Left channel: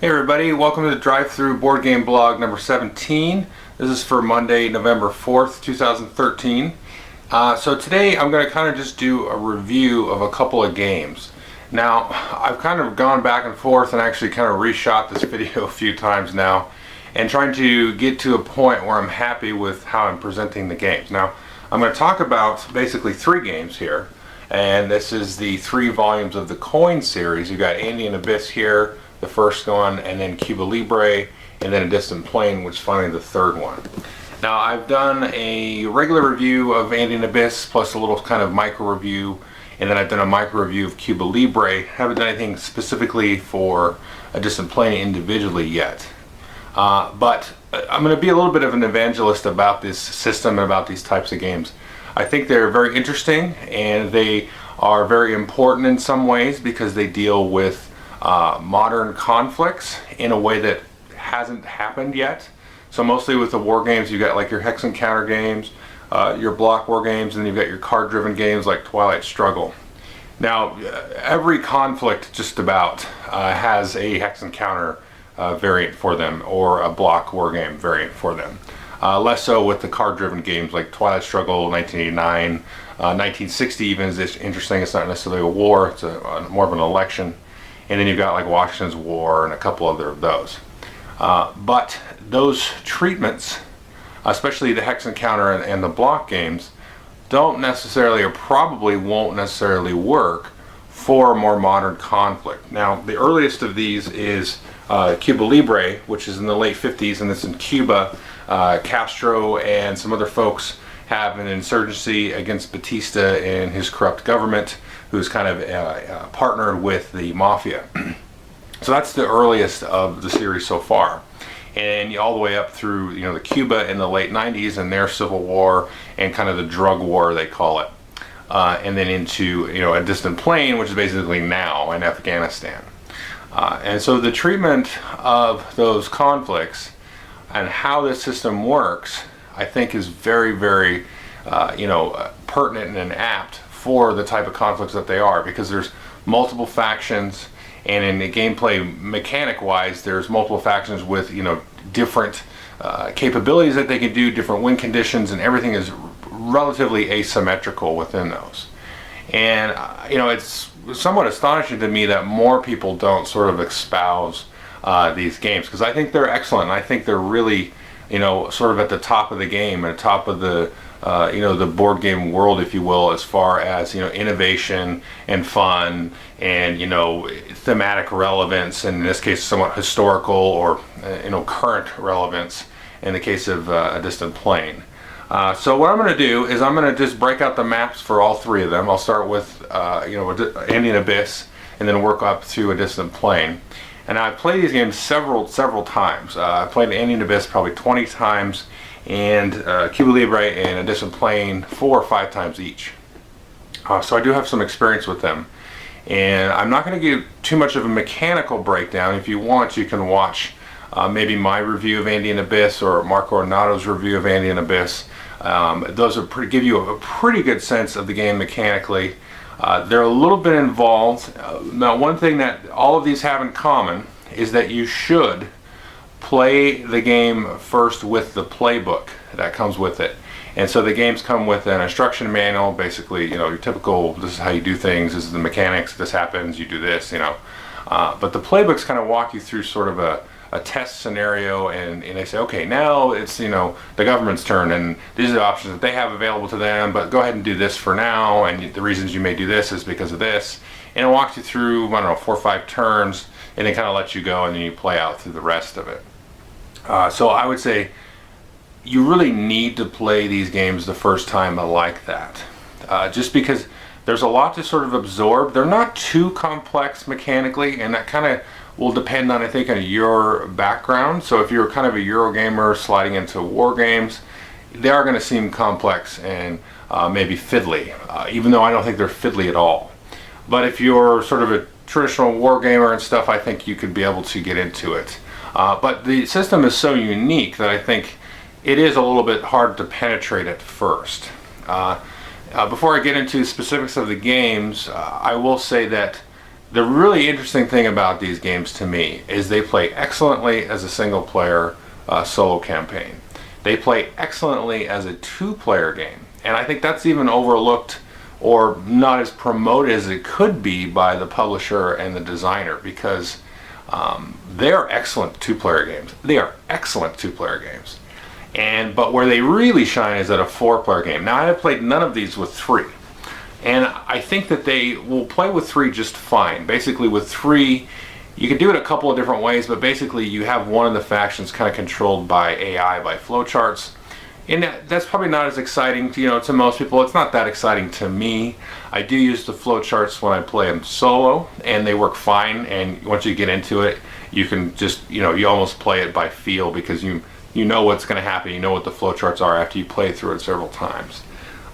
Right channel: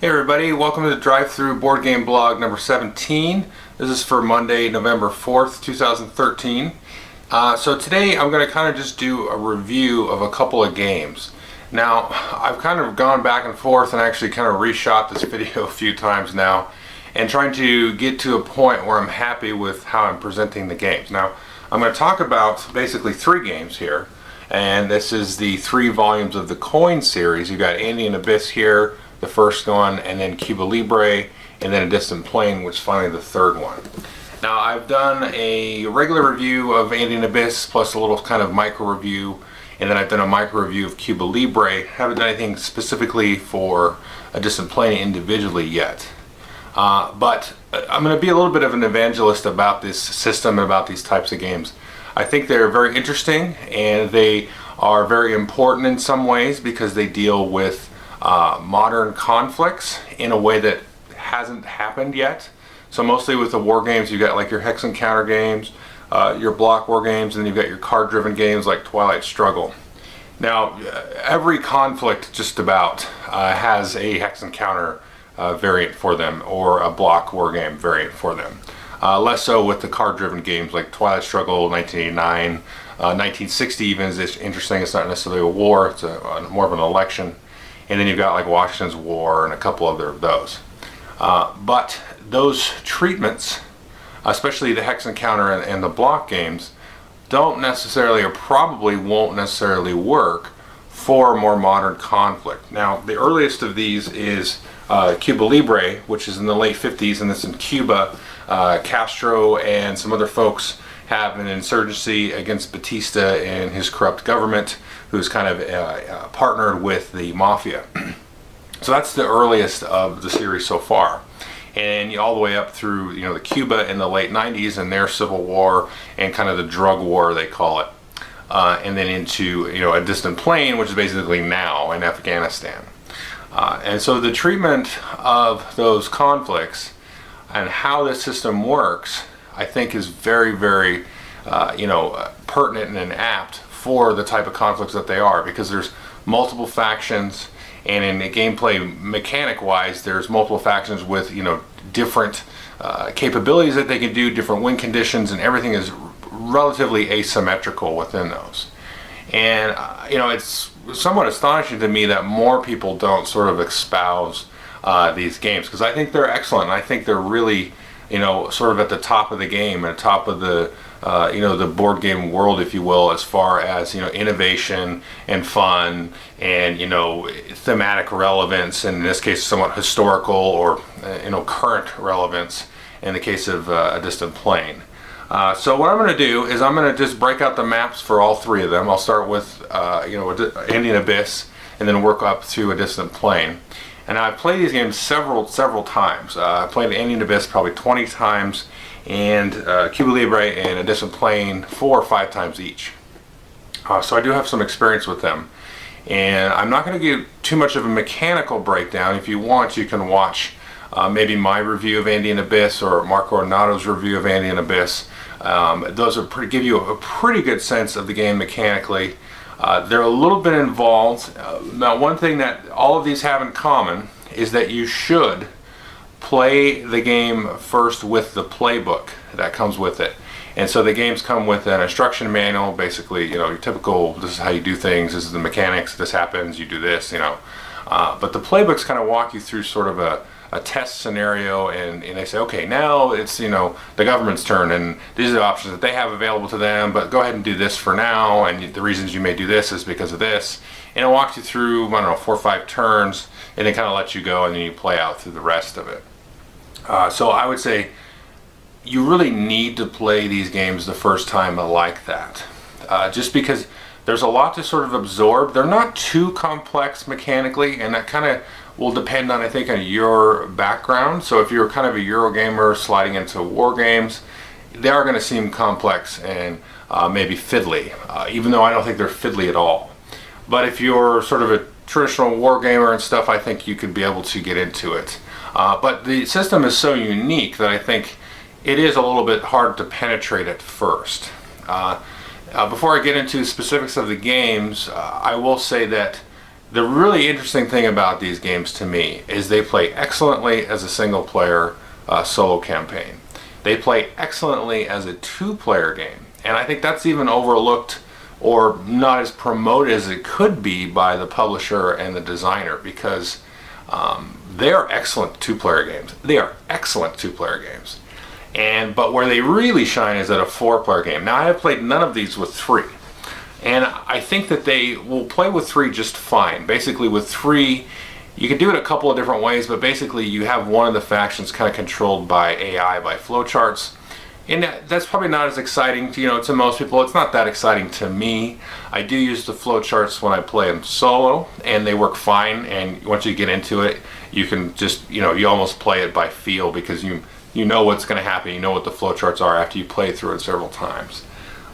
Hey everybody, welcome to the Drive-Thru Board Game Blog number 17. This is for Monday, November 4th, 2013. So today I'm going to kind of just do a review of a couple of games. Now, I've kind of gone back and forth and actually kind of reshot this video a few times now and trying to get to a point where I'm happy with how I'm presenting the games. Now, I'm going to talk about basically three games here, and this is the 3 volumes of the Coin series. You've got Andean Abyss here, the first one, and then Cuba Libre, and then A Distant Plane, which is finally the third one. Now, I've done a regular review of Andean Abyss plus a little kind of micro review, and then I've done a micro review of Cuba Libre. Haven't done anything specifically for A Distant Plane individually yet. But I'm going to be a little bit of an evangelist about this system and about these types of games. I think they're very interesting, and they are very important in some ways because they deal with modern conflicts in a way that hasn't happened yet. So mostly with the war games, you've got like your hex and counter games, your block war games, and then you've got your card driven games like Twilight Struggle. Now, every conflict just about has a hex and counter variant for them, or a block war game variant for them. Less so with the card driven games like Twilight Struggle, 1989, 1960 even is interesting. It's not necessarily a war, it's more of an election. And then you've got like Washington's War and a couple other of those. But those treatments, especially the hex and counter and the block games, don't necessarily, or probably won't necessarily work for more modern conflict. Now, the earliest of these is Cuba Libre, which is in the late 50s, and it's in Cuba. Castro and some other folks have an insurgency against Batista and his corrupt government, who's kind of partnered with the mafia. So that's the earliest of the series so far, and all the way up through the Cuba in the late 90s and their civil war and kind of the drug war they call it, and then into A Distant Plane, which is basically now in Afghanistan. And so the treatment of those conflicts and how this system works, I think, is very, very pertinent and apt for the type of conflicts that they are, because there's multiple factions, and in the gameplay mechanic wise there's multiple factions with different capabilities that they can do, different win conditions, and everything is relatively asymmetrical within those. And it's somewhat astonishing to me that more people don't sort of espouse these games, because I think they're excellent, and I think they're really sort of at the top of the game, and top of the the board game world, if you will, as far as innovation and fun and thematic relevance, and in this case somewhat historical or current relevance in the case of A Distant Plane. So what I'm going to do is I'm going to just break out the maps for all three of them. I'll start with Andean Abyss, and then work up to A Distant Plane. And I've played these games several times. I played Andean Abyss probably 20 times, and Cuba Libre and A Distant Plane 4 or 5 times each. So I do have some experience with them. And I'm not going to give too much of a mechanical breakdown. If you want, you can watch maybe my review of Andean Abyss or Marco Ornato's review of Andean Abyss. Those are give you a pretty good sense of the game mechanically. They're a little bit involved. Now, one thing that all of these have in common is that you should play the game first with the playbook that comes with it. And so the games come with an instruction manual, basically, your typical, this is how you do things, this is the mechanics, this happens, you do this, But the playbooks kind of walk you through sort of a test scenario, and they say, okay, now it's the government's turn, and these are the options that they have available to them, but go ahead and do this for now, and the reasons you may do this is because of this. And it walks you through, I don't know, 4 or 5 turns, and then kind of lets you go, and then you play out through the rest of it. So I would say you really need to play these games the first time like that, just because there's a lot to sort of absorb. They're not too complex mechanically, and that kind of will depend on, I think, on your background. So if you're kind of a Eurogamer sliding into war games, they are going to seem complex and maybe fiddly, even though I don't think they're fiddly at all. But if you're sort of a traditional war gamer and stuff, I think you could be able to get into it. But the system is so unique that I think it is a little bit hard to penetrate at first. Before I get into specifics of the games, I will say that The really interesting thing about these games to me is they play excellently as a single player solo campaign. They play excellently as a two-player game, and I think that's even overlooked or not as promoted as it could be by the publisher and the designer, because they are excellent two-player games. They are excellent two-player games. But where they really shine is at a four-player game. Now, I have played none of these with three, and I think that they will play with three just fine. Basically, with three, you can do it a couple of different ways, but basically you have one of the factions kind of controlled by AI, by flowcharts. And that's probably not as exciting to most people. It's not that exciting to me. I do use the flowcharts when I play them solo, and they work fine. And once you get into it, you can just, you almost play it by feel, because you know what's going to happen. You know what the flowcharts are after you play through it several times.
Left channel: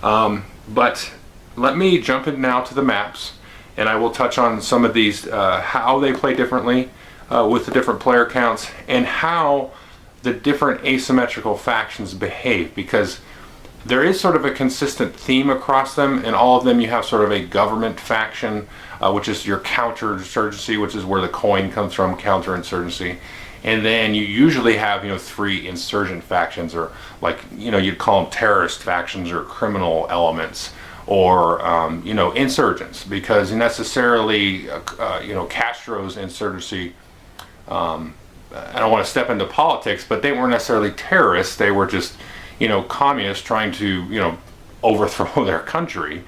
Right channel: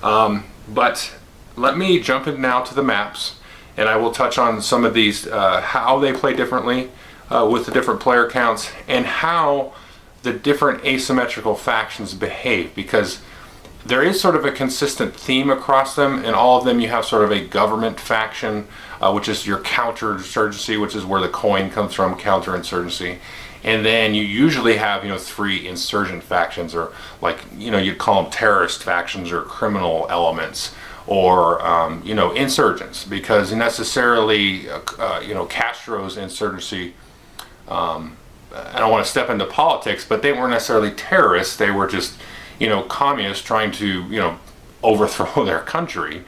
But let me jump in now to the maps, and I will touch on some of these, how they play differently with the different player counts, and how the different asymmetrical factions behave, because there is sort of a consistent theme across them. In all of them you have sort of a government faction, which is your counterinsurgency, which is where the coin comes from, counterinsurgency. And then you usually have three insurgent factions, or you'd call them terrorist factions or criminal elements, or insurgents, because necessarily Castro's insurgency, I don't want to step into politics, but they weren't necessarily terrorists. They were just, communists trying to, overthrow their country.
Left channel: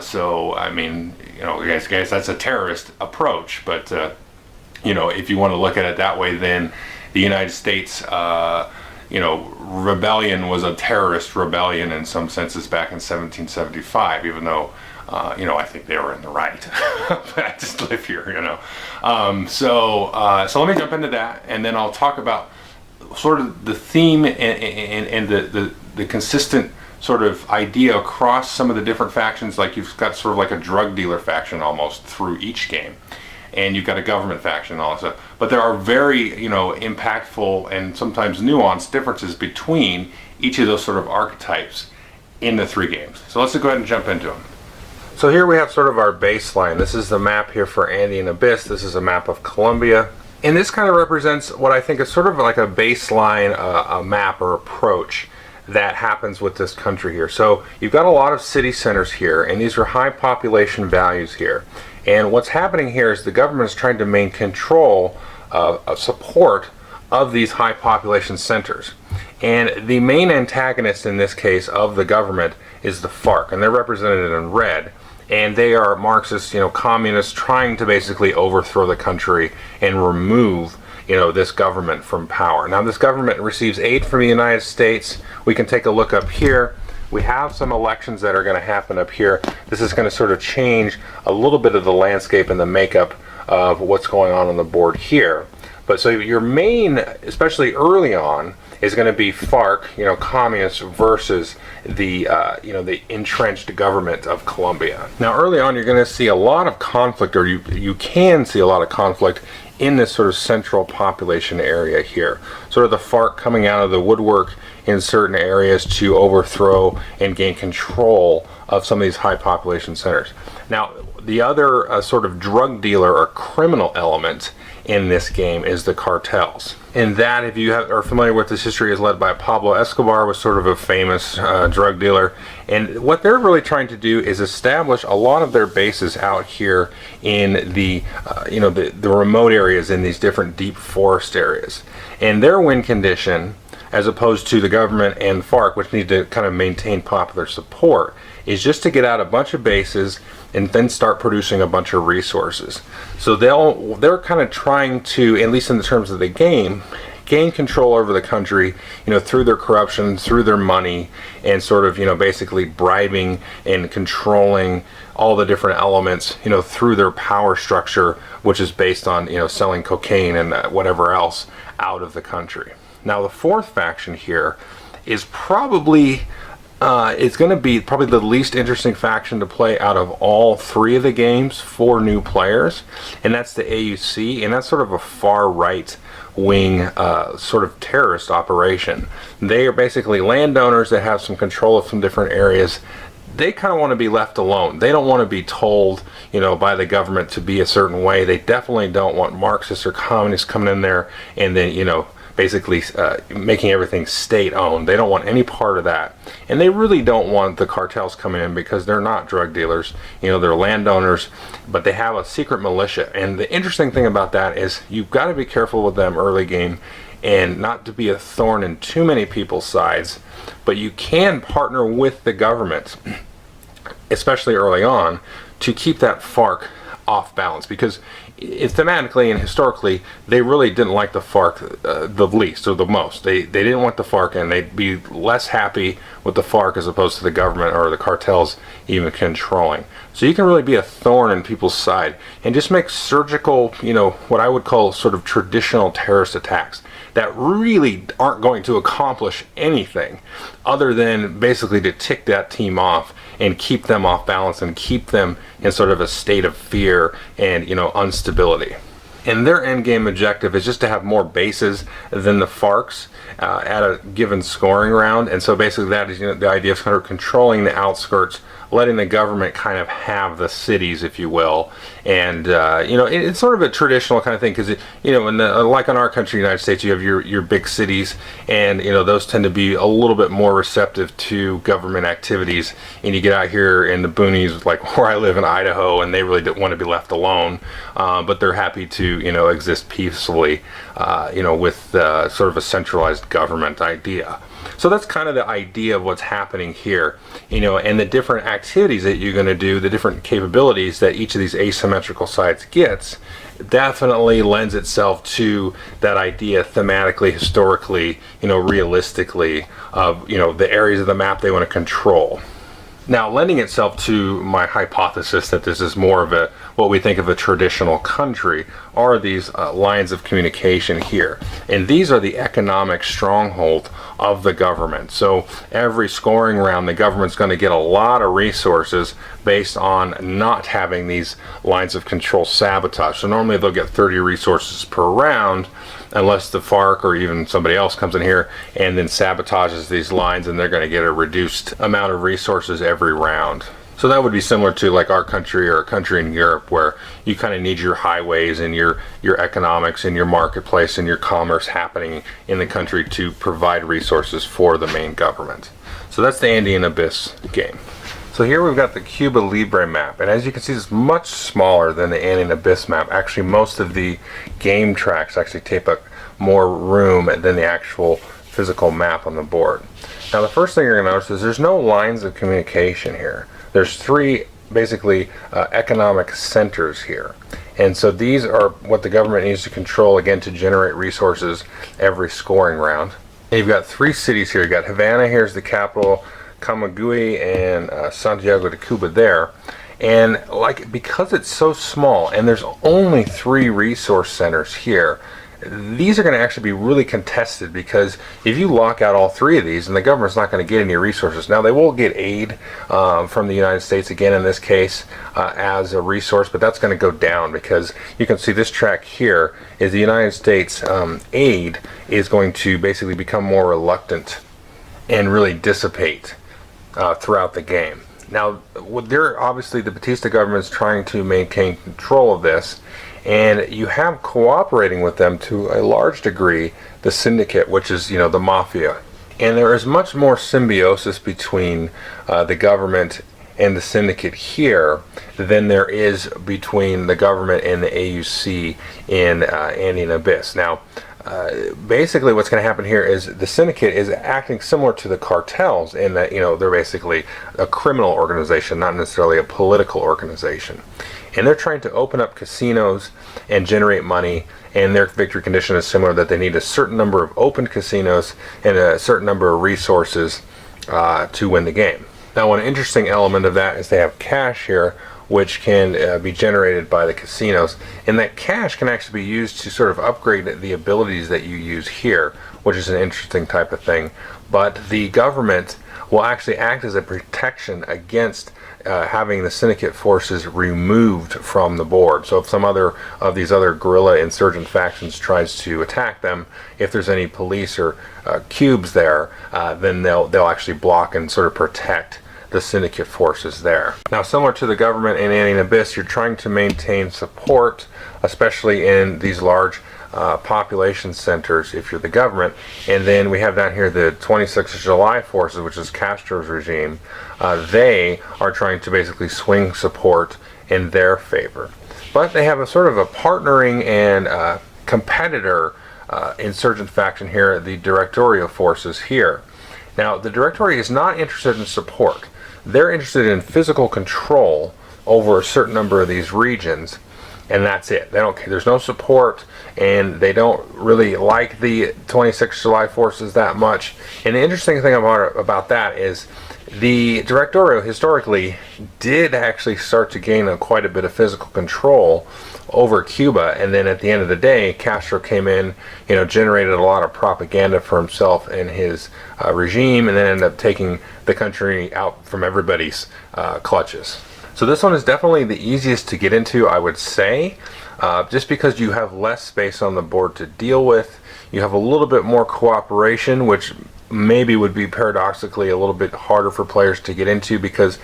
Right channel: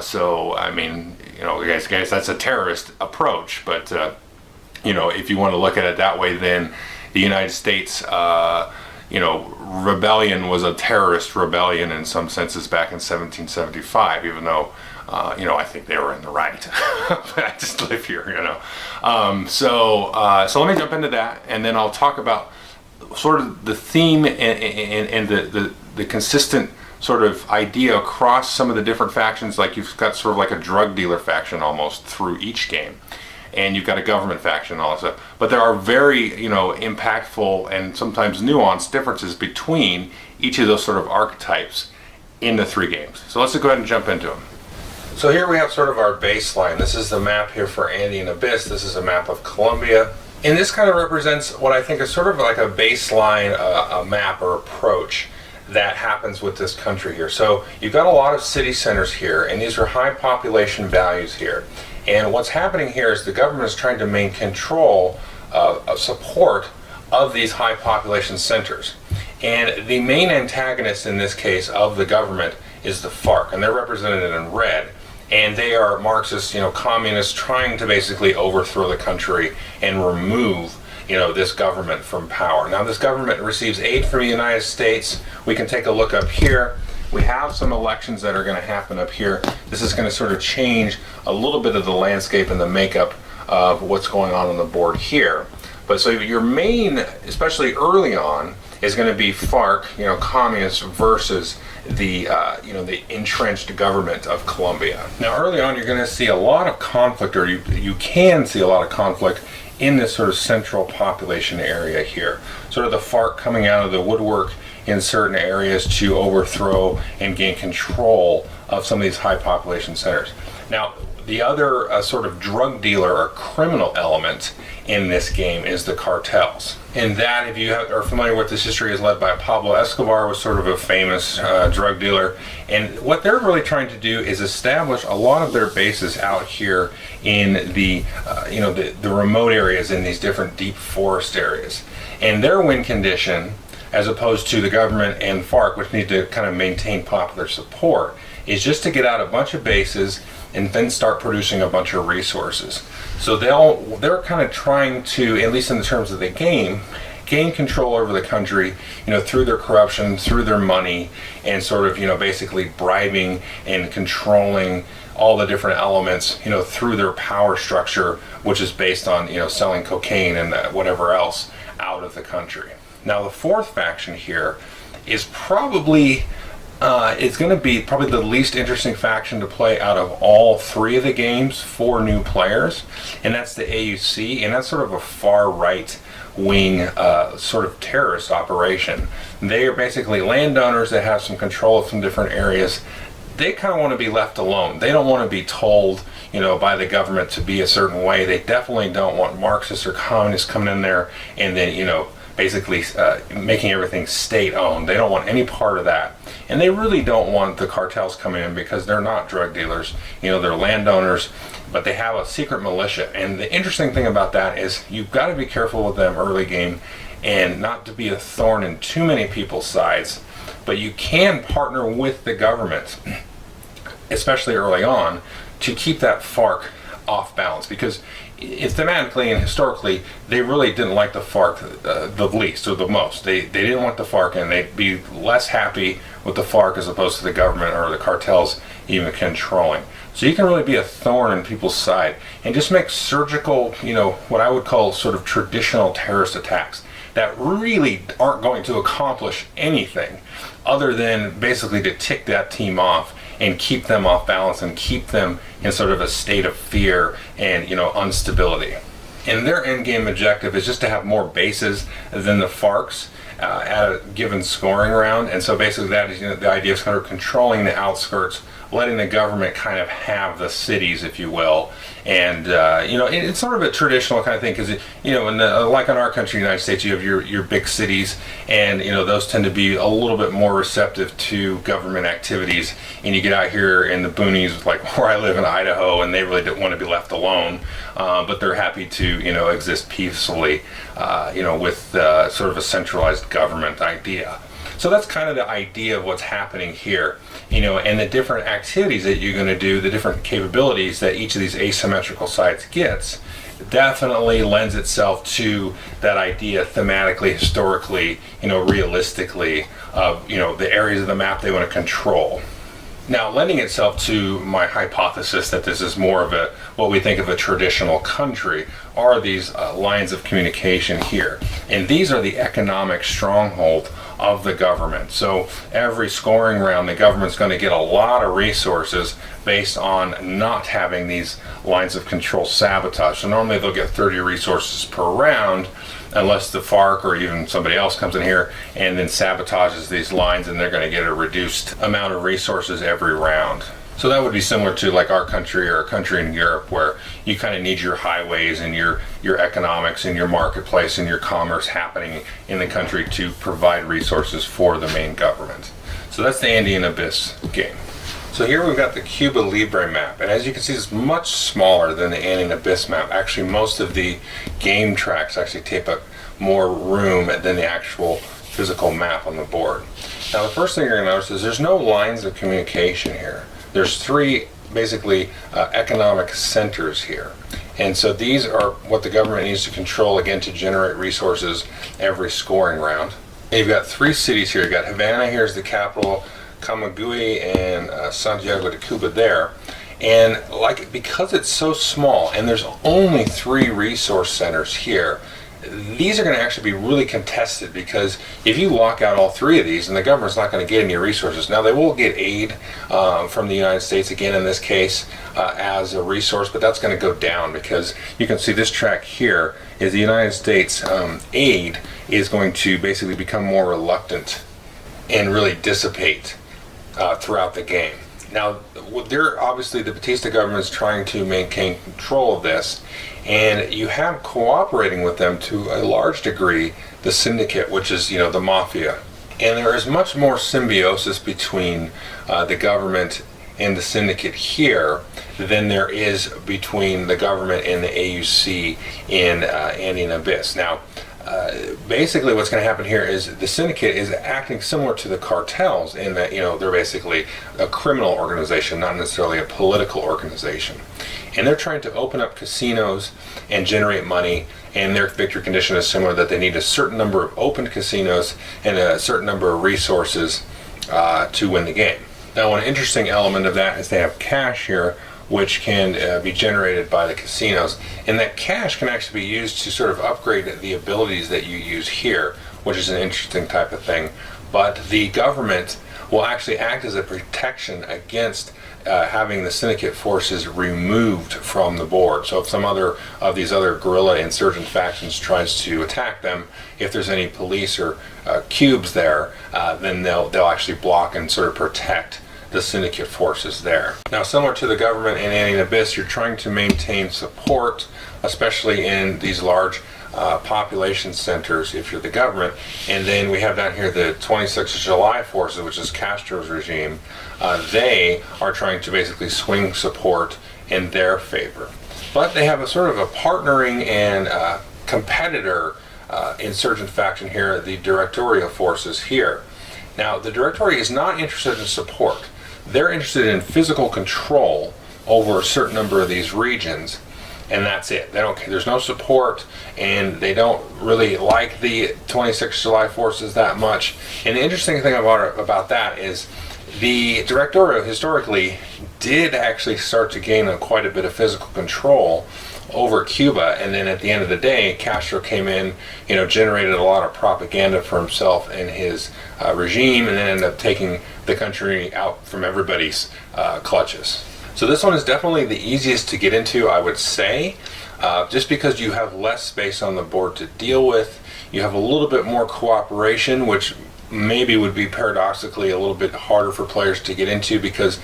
So, I mean, I guess that's a terrorist approach. But, if you want to look at it that way, then the United States, rebellion was a terrorist rebellion in some senses back in 1775, even though I think they were in the right. But I just live here, So let me jump into that, and then I'll talk about sort of the theme and the consistent sort of idea across some of the different factions. Like, you've got sort of like a drug dealer faction almost through each game, and you've got a government faction and all that stuff. But there are very, impactful and sometimes nuanced differences between each of those sort of archetypes in the three games. So let's go ahead and jump into them. So here we have sort of our baseline. This is the map here for Andean Abyss. This is a map of Colombia. And this kind of represents what I think is sort of like a baseline, a map or approach that happens with this country here. So you've got a lot of city centers here, and these are high population values here. And what's happening here is the government is trying to maintain control, support of these high population centers. And the main antagonist in this case of the government is the FARC, and they're represented in red. And they are Marxist, communists trying to basically overthrow the country and remove, this government from power. Now, this government receives aid from the United States. We can take a look up here. We have some elections that are going to happen up here. This is going to sort of change a little bit of the landscape and the makeup of what's going on the board here. But so your main, especially early on, is going to be FARC, communists, versus the the entrenched government of Colombia. Now, early on, you're going to see a lot of conflict, or you can see a lot of conflict in this sort of central population area here. Sort of the FARC coming out of the woodwork in certain areas to overthrow and gain control of some of these high population centers. Now, the other sort of drug dealer or criminal element in this game is the cartels. And that, if you are familiar with this history, is led by Pablo Escobar, was sort of a famous drug dealer. And what they're really trying to do is establish a lot of their bases out here in the remote areas, in these different deep forest areas. And their win condition, as opposed to the government and FARC, which need to kind of maintain popular support, is just to get out a bunch of bases and then start producing a bunch of resources. So they're kind of trying to, at least in the terms of the game, gain control over the country, through their corruption, through their money, and sort of, basically bribing and controlling all the different elements, through their power structure, which is based on, selling cocaine and whatever else out of the country. Now, the fourth faction here is probably it's going to be probably the least interesting faction to play out of all three of the games for new players, and that's the AUC, and that's sort of a far right wing sort of terrorist operation. They are basically landowners that have some control of some different areas. they kind of want to be left alone. They don't want to be told, by the government to be a certain way. They definitely don't want Marxists or communists coming in there and then, basically making everything state-owned. They don't want any part of that. And they really don't want the cartels coming in because they're not drug dealers. They're landowners, but they have a secret militia. And the interesting thing about that is you've got to be careful with them early game and not to be a thorn in too many people's sides. But you can partner with the government, especially early on, to keep that FARC off balance, because thematically and historically, they really didn't like the FARC the least or the most. They didn't want the FARC, and they'd be less happy with the FARC as opposed to the government or the cartels even controlling. So you can really be a thorn in people's side and just make surgical, what I would call sort of traditional terrorist attacks that really aren't going to accomplish anything other than basically to tick that team off and keep them off balance and keep them in sort of a state of fear and instability. And their end game objective is just to have more bases than the FARC's at a given scoring round. And so basically that is the idea of kind of controlling the outskirts, letting the government kind of have the cities, if you will. And it's sort of a traditional kind of thing, because like in our country, the United States, you have your big cities, and those tend to be a little bit more receptive to government activities. And you get out here in the boonies, like where I live in Idaho, and they really don't want to be left alone, but they're happy to exist peacefully, with sort of a centralized government idea. So that's kind of the idea of what's happening here, and the different activities that you're going to do, the different capabilities that each of these asymmetrical sides gets, definitely lends itself to that idea thematically, historically, realistically, of, the areas of the map they want to control. Now, lending itself to my hypothesis that this is more of what we think of a traditional country are these lines of communication here. And these are the economic stronghold of the government. So every scoring round, the government's going to get a lot of resources based on not having these lines of control sabotaged. So normally they'll get 30 resources per round, unless the FARC or even somebody else comes in here and then sabotages these lines, and they're going to get a reduced amount of resources every round. So that would be similar to like our country or a country in Europe, where you kind of need your highways and your economics and your marketplace and your commerce happening in the country to provide resources for the main government. So that's the Andean Abyss game. So here we've got the Cuba Libre map, and as you can see, it's much smaller than the Andean Abyss map. Actually, most of the game tracks actually take up more room than the actual physical map on the board. Now, the first thing you're going to notice is there's no lines of communication here. There's three, basically, economic centers here. And so these are what the government needs to control, again, to generate resources every scoring round. And you've got three cities here. You've got Havana, here's the capital, Camagüey, and Santiago de Cuba there. And because it's so small and there's only three resource centers here, these are going to actually be really contested, because if you lock out all three of these, and the government's not going to get any resources. Now, they will get aid from the United States, again in this case, as a resource, but that's going to go down, because you can see this track here is the United States aid is going to basically become more reluctant and really dissipate throughout the game. Now, obviously the Batista government is trying to maintain control of this, and you have cooperating with them to a large degree the syndicate, which is the mafia. And there is much more symbiosis between the government and the syndicate here than there is between the government and the AUC in Andean Abyss. Now, basically what's going to happen here is the syndicate is acting similar to the cartels in that they're basically a criminal organization, not necessarily a political organization. And they're trying to open up casinos and generate money, and their victory condition is similar, that they need a certain number of open casinos and a certain number of resources to win the game. Now, one interesting element of that is they have cash here, which can be generated by the casinos, and that cash can actually be used to sort of upgrade the abilities that you use here, which is an interesting type of thing. But the government will actually act as a protection against having the syndicate forces removed from the board. So if some other of these other guerrilla insurgent factions tries to attack them, if there's any police or cubes there, then they'll actually block and sort of protect the syndicate forces there. Now, similar to the government in Andean Abyss, you're trying to maintain support, especially in these large population centers if you're the government. And then we have down here the 26th of July forces, which is Castro's regime. They are trying to basically swing support in their favor. But they have a sort of a partnering and competitor insurgent faction here, the Directorio forces here. Now, the Directory is not interested in support. They're interested in physical control over a certain number of these regions, and that's it. They don't. There's no support, and they don't really like the 26th July forces that much. And the interesting thing about that is the Directorio historically did actually start to gain quite a bit of physical control over Cuba, and then at the end of the day, Castro came in, generated a lot of propaganda for himself and his regime, and then ended up taking the country out from everybody's clutches. So this one is definitely the easiest to get into, I would say, just because you have less space on the board to deal with. You have a little bit more cooperation, which maybe would be paradoxically a little bit harder for players to get into, because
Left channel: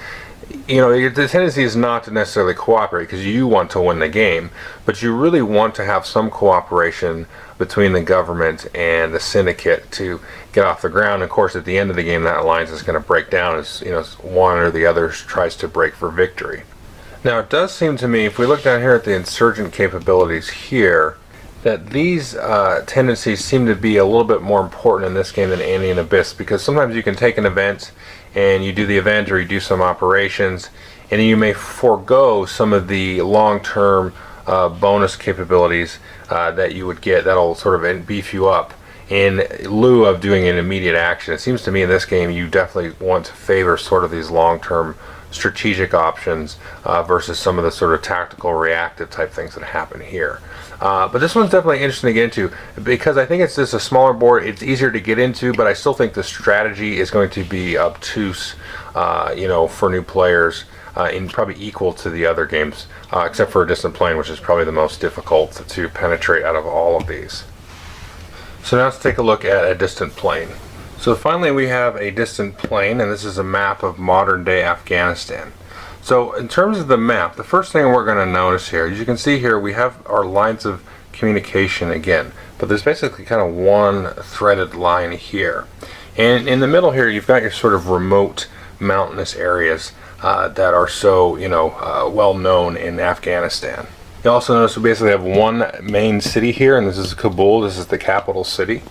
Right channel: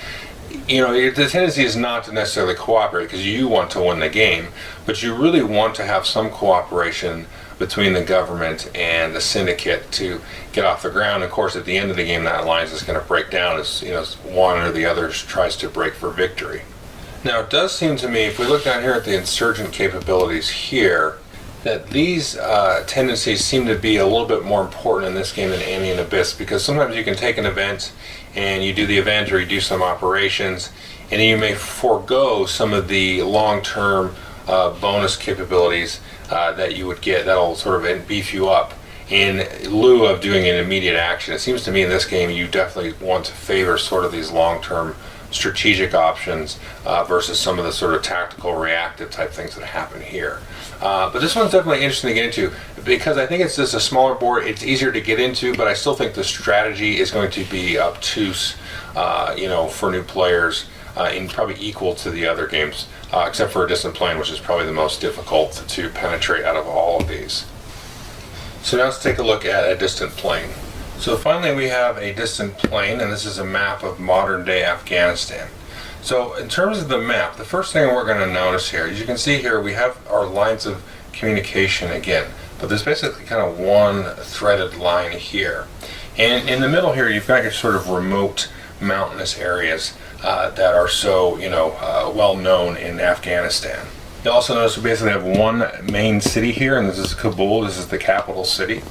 the tendency is not to necessarily cooperate because you want to win the game, but you really want to have some cooperation between the government and the syndicate to get off the ground. Of course, at the end of the game, that alliance is going to break down as one or the other tries to break for victory. Now, it does seem to me, if we look down here at the insurgent capabilities here, that these tendencies seem to be a little bit more important in this game than Andean Abyss, because sometimes you can take an event and you do the event or you do some operations, and you may forego some of the long-term bonus capabilities that you would get that'll sort of beef you up in lieu of doing an immediate action. It seems to me in this game you definitely want to favor sort of these long-term strategic options versus some of the sort of tactical reactive type things that happen here. But this one's definitely interesting to get into because I think it's just a smaller board. It's easier to get into, but I still think the strategy is going to be obtuse, for new players, and probably equal to the other games, except for a distant plane, which is probably the most difficult to penetrate out of all of these. So now let's take a look at a distant plane. So finally we have a distant plane, and this is a map of modern day Afghanistan. So in terms of the map, the first thing we're going to notice here, as you can see here, we have our lines of communication again, but there's basically kind of one threaded line here. And in the middle here, you've got your sort of remote mountainous areas that are so, well known in Afghanistan. You'll also notice we basically have one main city here, and this is Kabul. This is the capital city.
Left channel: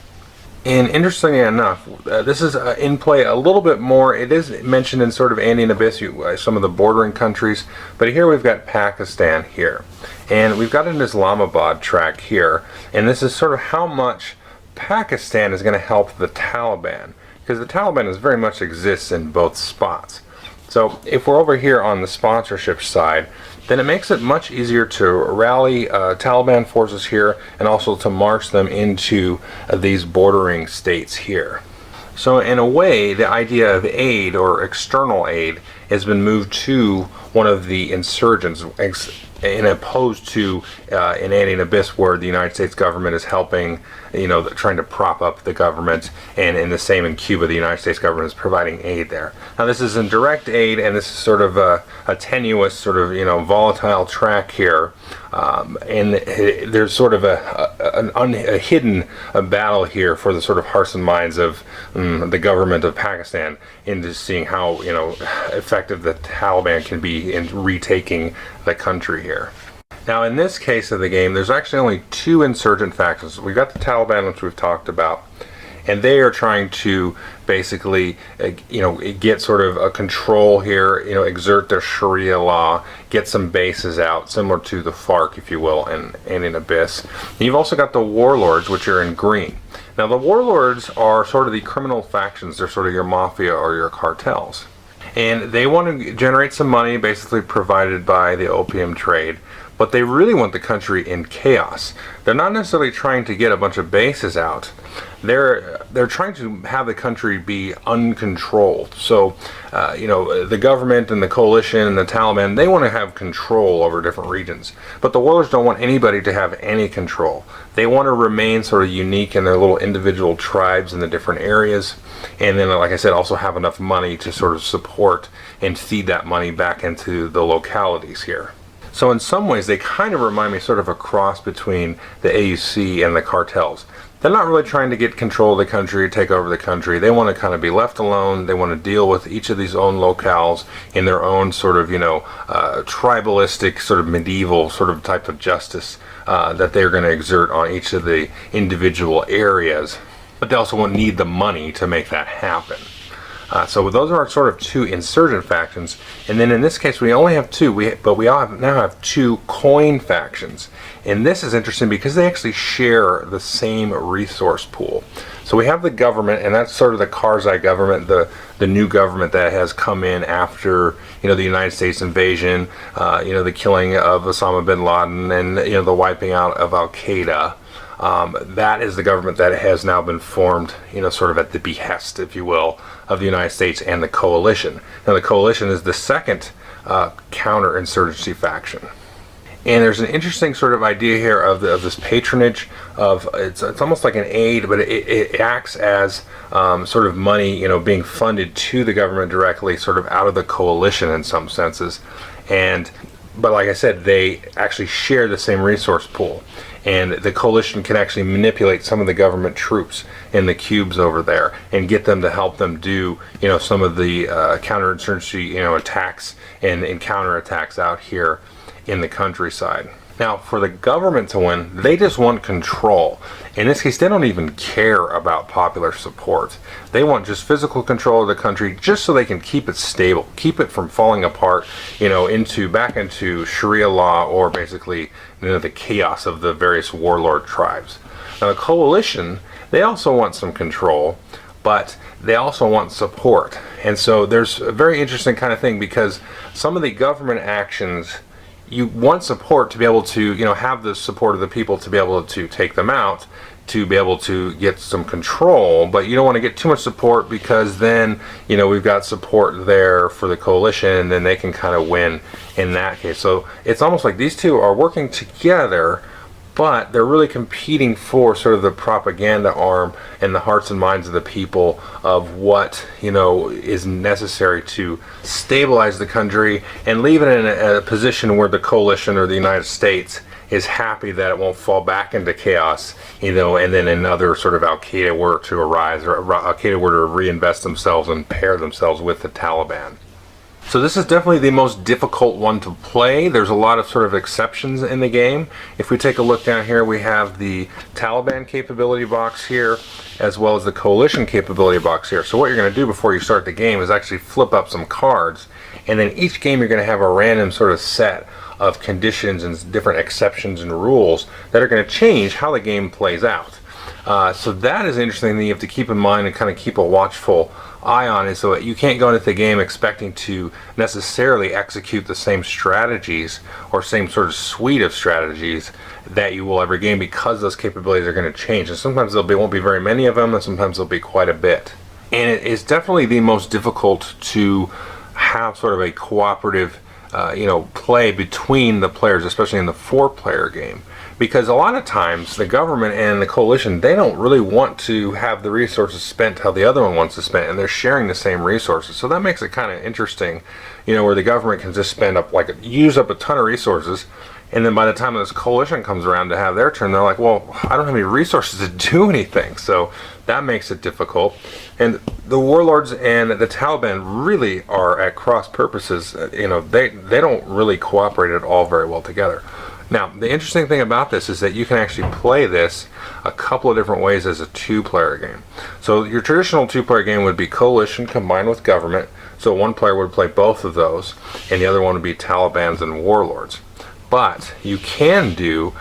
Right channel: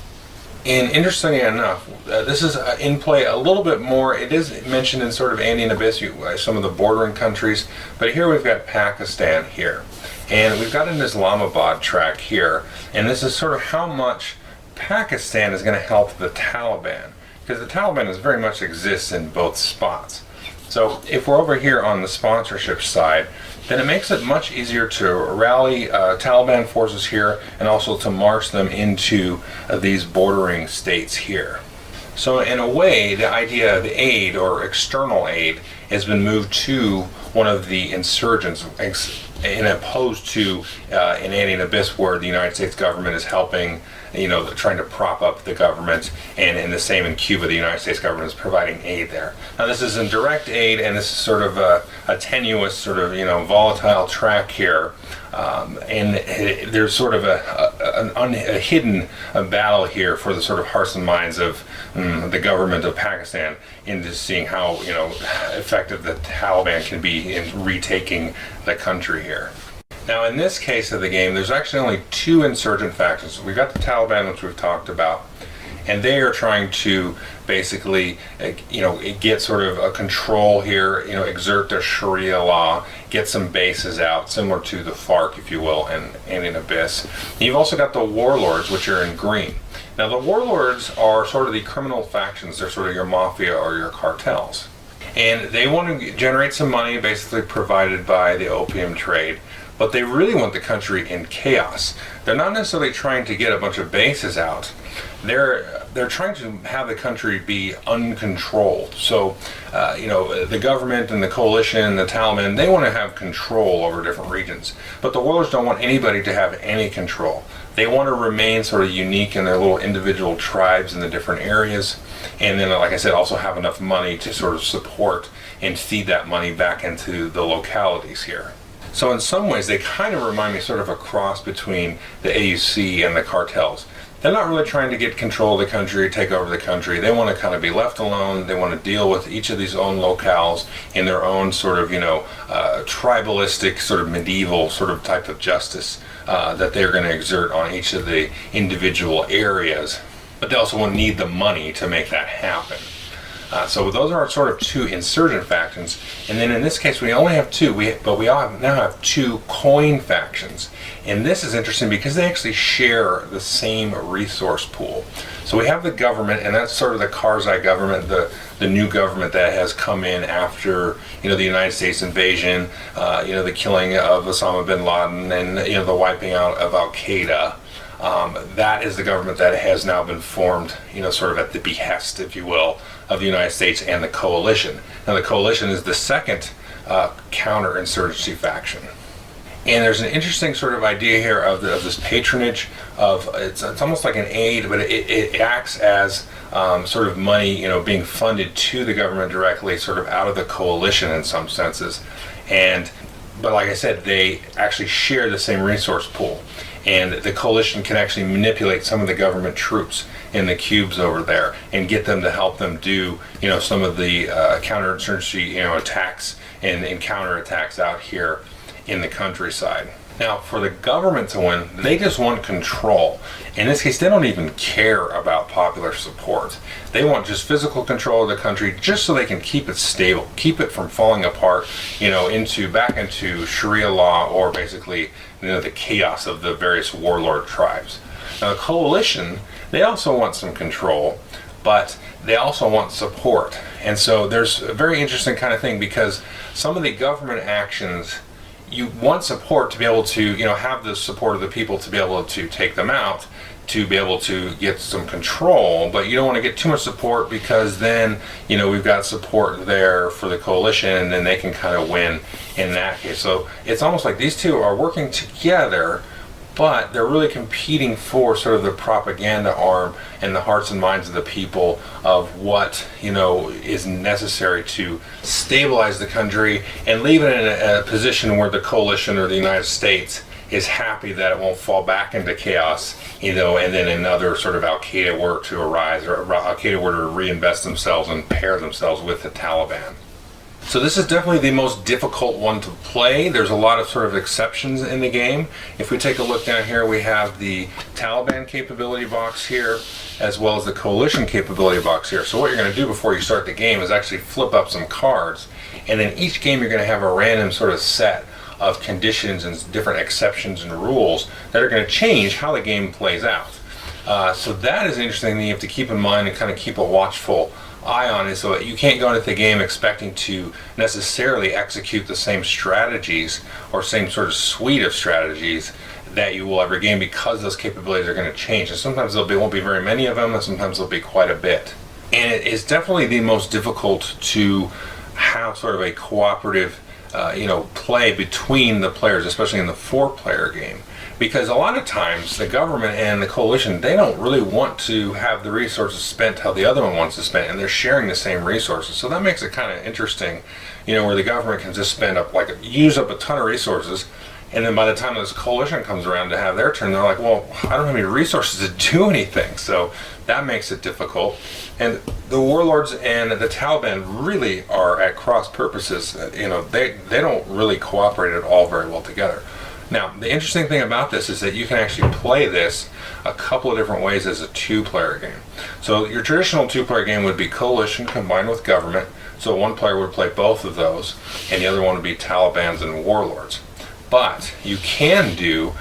And interestingly enough, this is in play a little bit more. It is mentioned in sort of Andean Abyss, some of the bordering countries, but here we've got Pakistan here. And we've got an Islamabad track here, and this is sort of how much Pakistan is going to help the Taliban, because the Taliban is very much exists in both spots. So if we're over here on the sponsorship side, then it makes it much easier to rally Taliban forces here and also to march them into these bordering states here. So in a way, the idea of aid or external aid has been moved to one of the insurgents, and opposed to in Andean Abyss, where the United States government is helping, trying to prop up the government, and in the same in Cuba, the United States government is providing aid there. Now this is indirect aid, and this is sort of a tenuous, sort of volatile track here, and there's sort of a hidden battle here for the sort of hearts and minds of the government of Pakistan into seeing how effective the Taliban can be in retaking the country here. Now in this case of the game, there's actually only two insurgent factions. We've got the Taliban, which we've talked about, and they are trying to basically get sort of a control here, exert their Sharia law, get some bases out, similar to the FARC, if you will, and in Abyss. And you've also got the warlords, which are in green. Now the warlords are sort of the criminal factions. They're sort of your mafia or your cartels. And they want to generate some money, basically provided by the opium trade. but they really want the country in chaos. They're not necessarily trying to get a bunch of bases out. They're trying to have the country be uncontrolled. So, the government and the coalition and the Taliban, they want to have control over different regions. But the warlords don't want anybody to have any control. They want to remain sort of unique in their little individual tribes in the different areas. And then, like I said, also have enough money to sort of support and feed that money back into the localities here. So in some ways, they kind of remind me sort of a cross between the AUC and the cartels. They're not really trying to get control of the country, take over the country. They want to kind of be left alone. They want to deal with each of these own locales in their own sort of, tribalistic, sort of medieval sort of type of justice that they're going to exert on each of the individual areas. But they also will need the money to make that happen. So those are sort of two insurgent factions, and then in this case we only have two, but we now have two coin factions. And this is interesting because they actually share the same resource pool. So we have the government, and that's sort of the Karzai government, the new government that has come in after the United States invasion, the killing of Osama bin Laden, and the wiping out of Al Qaeda. That is the government that has now been formed, sort of at the behest, if you will, of the United States and the coalition. Now the coalition is the second counterinsurgency faction. And there's an interesting sort of idea here of this patronage of, it's almost like an aid, but it acts as sort of money, being funded to the government directly, sort of out of the coalition in some senses. But like I said, they actually share the same resource pool. And the coalition can actually manipulate some of the government troops in the cubes over there and get them to help them do, some of the counterinsurgency, attacks and counterattacks out here in the countryside. Now, for the government to win, they just want control. In this case, they don't even care about popular support. They want just physical control of the country, just so they can keep it stable, keep it from falling apart, back into Sharia law, or basically, the chaos of the various warlord tribes. Now, the coalition, they also want some control, but they also want support. And so there's a very interesting kind of thing, because some of the government actions, you want support to be able to, have the support of the people to be able to take them out, to be able to get some control, but you don't want to get too much support, because then, we've got support there for the coalition, and then they can kind of win in that case. So it's almost like these two are working together, but they're really competing for sort of the propaganda arm in the hearts and minds of the people of what, is necessary to stabilize the country and leave it in a position where the coalition or the United States is happy that it won't fall back into chaos, and then another sort of Al Qaeda were to arise, or Al Qaeda were to reinvest themselves and pair themselves with the Taliban. So this is definitely the most difficult one to play. There's a lot of sort of exceptions in the game. If we take a look down here, we have the Taliban capability box here, as well as the coalition capability box here. So what you're going to do before you start the game is actually flip up some cards, and then each game you're going to have a random sort of set of conditions and different exceptions and rules that are going to change how the game plays out. So that is interesting that you have to keep in mind and kind of keep a watchful eye on it, so that you can't go into the game expecting to necessarily execute the same strategies or same sort of suite of strategies that you will every game, because those capabilities are going to change, and sometimes won't be very many of them, and sometimes there'll be quite a bit. And it is definitely the most difficult to have sort of a cooperative play between the players, especially in the 4-player game. Because a lot of times the government and the coalition, they don't really want to have the resources spent how the other one wants to spend, and they're sharing the same resources. So that makes it kind of interesting, where the government can just use up a ton of resources, and then by the time this coalition comes around to have their turn, they're like, well, I don't have any resources to do anything. So that makes it difficult. And the warlords and the Taliban really are at cross purposes. They don't really cooperate at all very well together. Now, the interesting thing about this is that you can actually play this a couple of different ways as a 2-player game. So your traditional 2-player game would be coalition combined with government. So one player would play both of those, and the other one would be Talibans and warlords. But you can do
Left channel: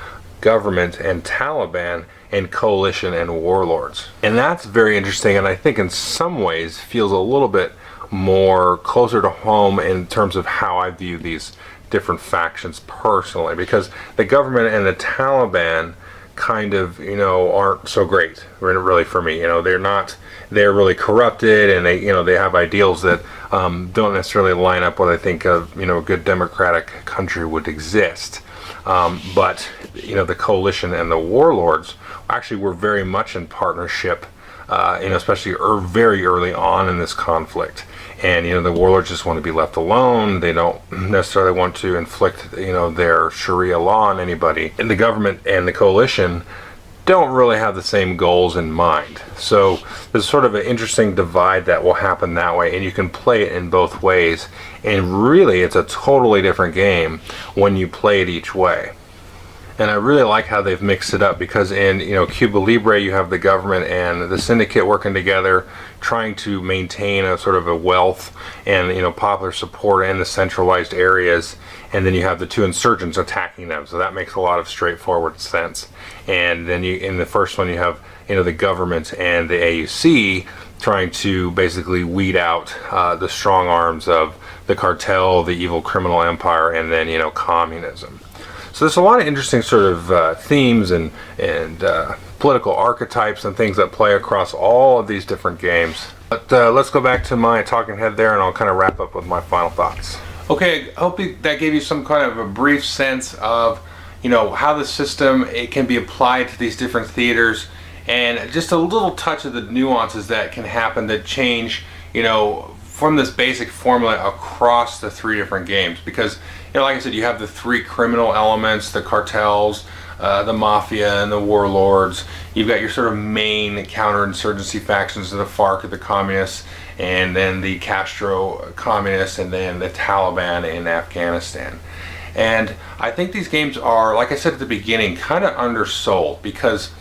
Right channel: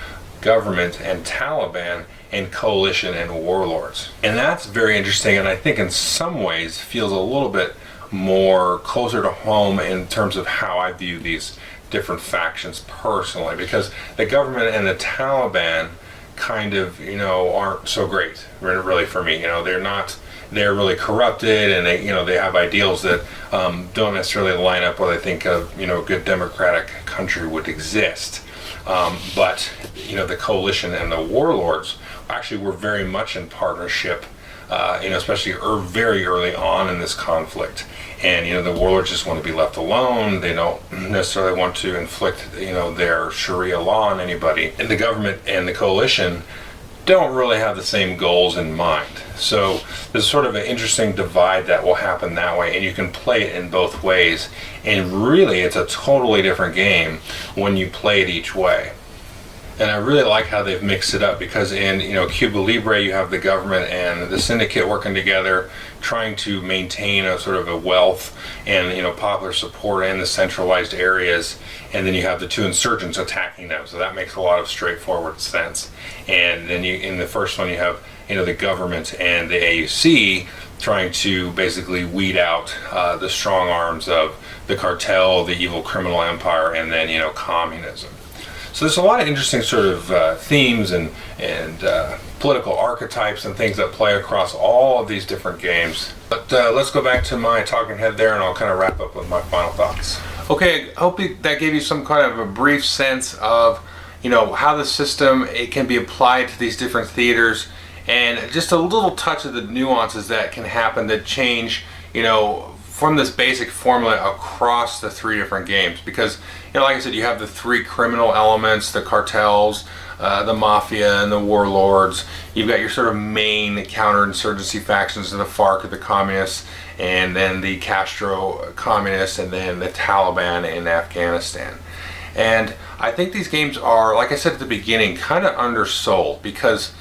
government and Taliban and coalition and warlords. And that's very interesting, and I think in some ways feels a little bit more closer to home in terms of how I view these different factions personally, because the government and the Taliban kind of, aren't so great, really, for me. They're really corrupted, and they have ideals that don't necessarily line up with, I think, a good democratic country would exist. But the coalition and the warlords actually were very much in partnership, especially very early on in this conflict. And the warlords just want to be left alone. They don't necessarily want to inflict their Sharia law on anybody. And the government and the coalition don't really have the same goals in mind. So there's sort of an interesting divide that will happen that way, and you can play it in both ways. And really, it's a totally different game when you play it each way. And I really like how they've mixed it up, because in Cuba Libre you have the government and the syndicate working together, trying to maintain a sort of a wealth and popular support in the centralized areas, and then you have the two insurgents attacking them. So that makes a lot of straightforward sense. And then in the first one you have the government and the AUC trying to basically weed out the strong arms of the cartel, the evil criminal empire, and then communism. So there's a lot of interesting sort of themes and political archetypes and things that play across all of these different games. But let's go back to my talking head there, and I'll kind of wrap up with my final thoughts. Okay, I hope that gave you some kind of a brief sense of how the system can be applied to these different theaters, and just a little touch of the nuances that can happen that change from this basic formula across the three different games. Because like I said, you have the three criminal elements, the cartels, the mafia, and the warlords. You've got your sort of main counterinsurgency factions of the FARC, the communists, and then the Castro communists, and then the Taliban in Afghanistan. And I think these games are, like I said at the beginning, kind of undersold, because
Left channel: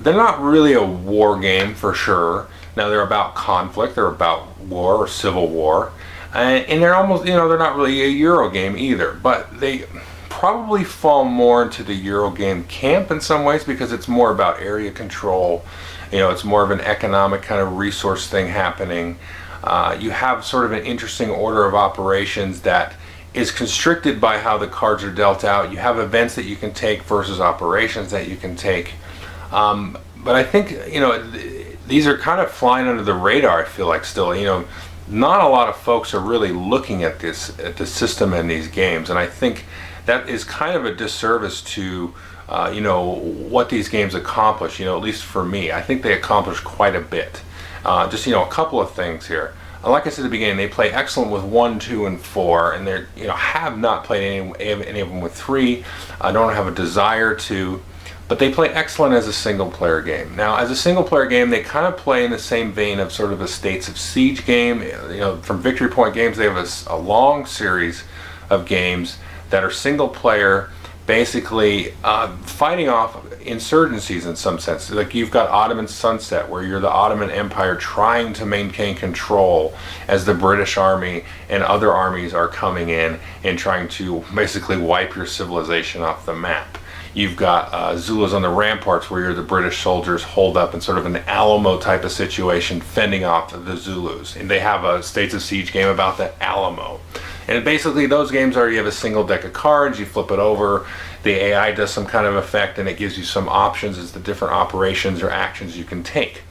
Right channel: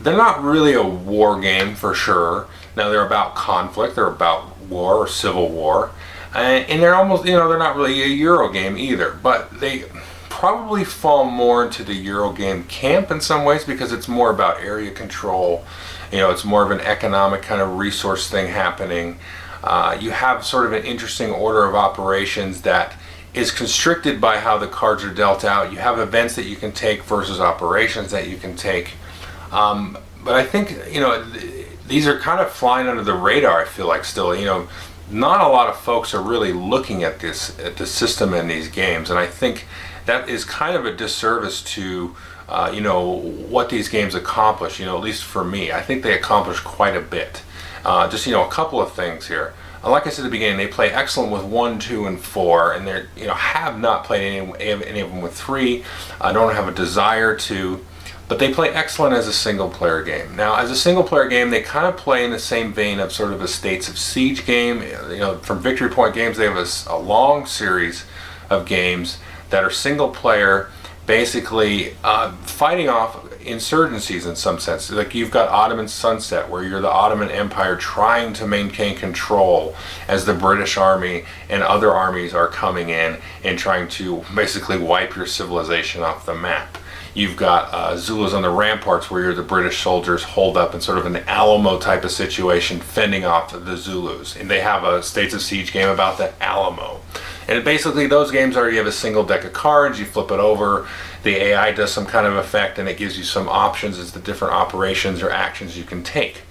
they're not really a war game for sure. Now, they're about conflict, they're about war or civil war, and they're almost, they're not really a Euro game either, but they probably fall more into the Euro game camp in some ways, because it's more about area control. It's more of an economic kind of resource thing happening. You have sort of an interesting order of operations that is constricted by how the cards are dealt out. You have events that you can take versus operations that you can take. But I think, these are kind of flying under the radar, I feel like, still. Not a lot of folks are really looking at the system in these games, and I think that is kind of a disservice to, what these games accomplish, at least for me. I think they accomplish quite a bit. Just, a couple of things here. Like I said at the beginning, they play excellent with 1, 2, and 4, and they're, have not played any of them with 3. I don't have a desire to. But they play excellent as a single-player game. Now, as a single-player game, they kind of play in the same vein of sort of a States of Siege game. From Victory Point Games, they have a long series of games that are single-player, basically fighting off insurgencies in some sense. Like you've got Ottoman Sunset, where you're the Ottoman Empire trying to maintain control as the British Army and other armies are coming in and trying to basically wipe your civilization off the map. You've got Zulus on the Ramparts, where you're the British soldiers holed up in sort of an Alamo type of situation, fending off the Zulus. And they have a States of Siege game about the Alamo. And basically those games are, you have a single deck of cards, you flip it over, the AI does some kind of effect, and it gives you some options as the different operations or actions you can take.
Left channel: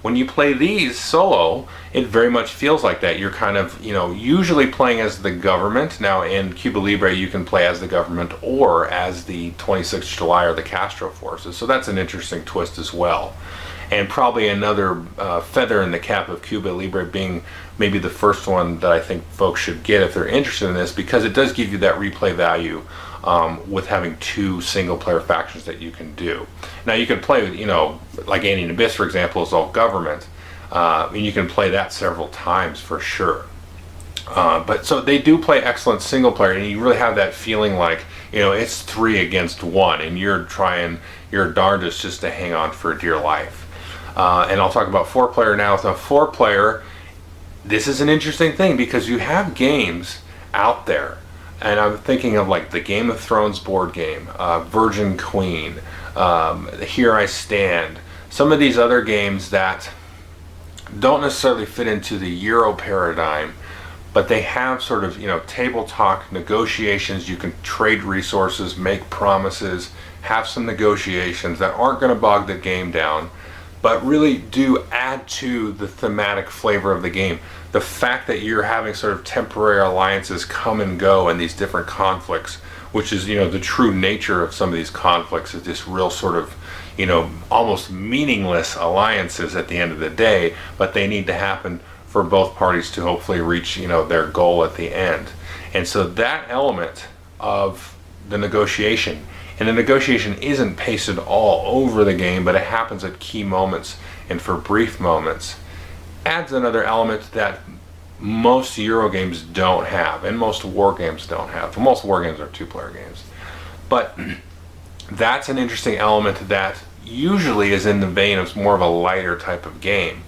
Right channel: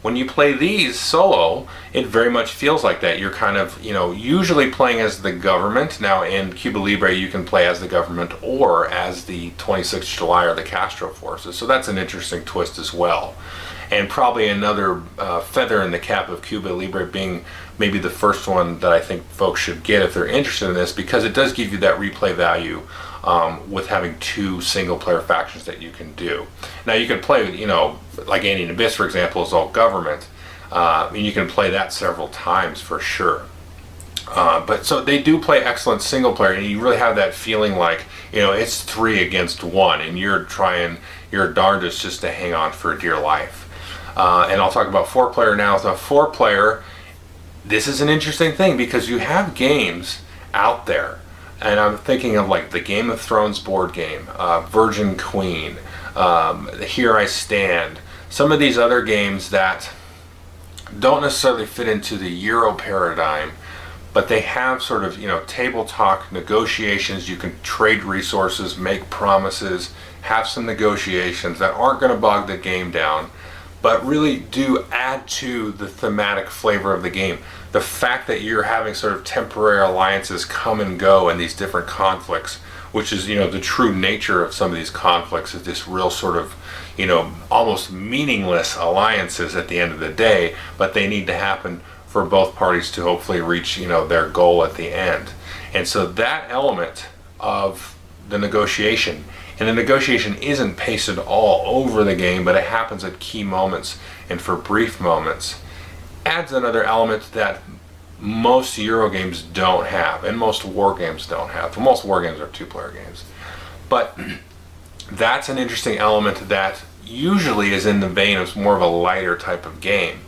When you play these solo, it very much feels like that. You're kind of, usually playing as the government. Now in Cuba Libre, you can play as the government or as the 26th July or the Castro forces. So that's an interesting twist as well. And probably another feather in the cap of Cuba Libre being maybe the first one that I think folks should get if they're interested in this, because it does give you that replay value with having 2 single-player factions that you can do. Now you can play, like Andean Abyss, for example, is all government, and you can play that several times for sure. But so they do play excellent single-player, and you really have that feeling like, it's 3 against 1, and you're trying your darndest just to hang on for dear life. And I'll talk about 4-player now. With a 4-player, this is an interesting thing, because you have games out there. And I'm thinking of like the Game of Thrones board game, Virgin Queen, Here I Stand, some of these other games that don't necessarily fit into the Euro paradigm, but they have sort of, table talk negotiations. You can trade resources, make promises, have some negotiations that aren't going to bog the game down, but really do add to the thematic flavor of the game. The fact that you're having sort of temporary alliances come and go in these different conflicts, which is, the true nature of some of these conflicts, is this real sort of, almost meaningless alliances at the end of the day, but they need to happen for both parties to hopefully reach, their goal at the end. And so that element of the negotiation, and the negotiation isn't pasted all over the game, but it happens at key moments and for brief moments, adds another element that most Euro games don't have, and most war games don't have. Well, most war games are two-player games. But that's an interesting element that usually is in the vein of more of a lighter type of game.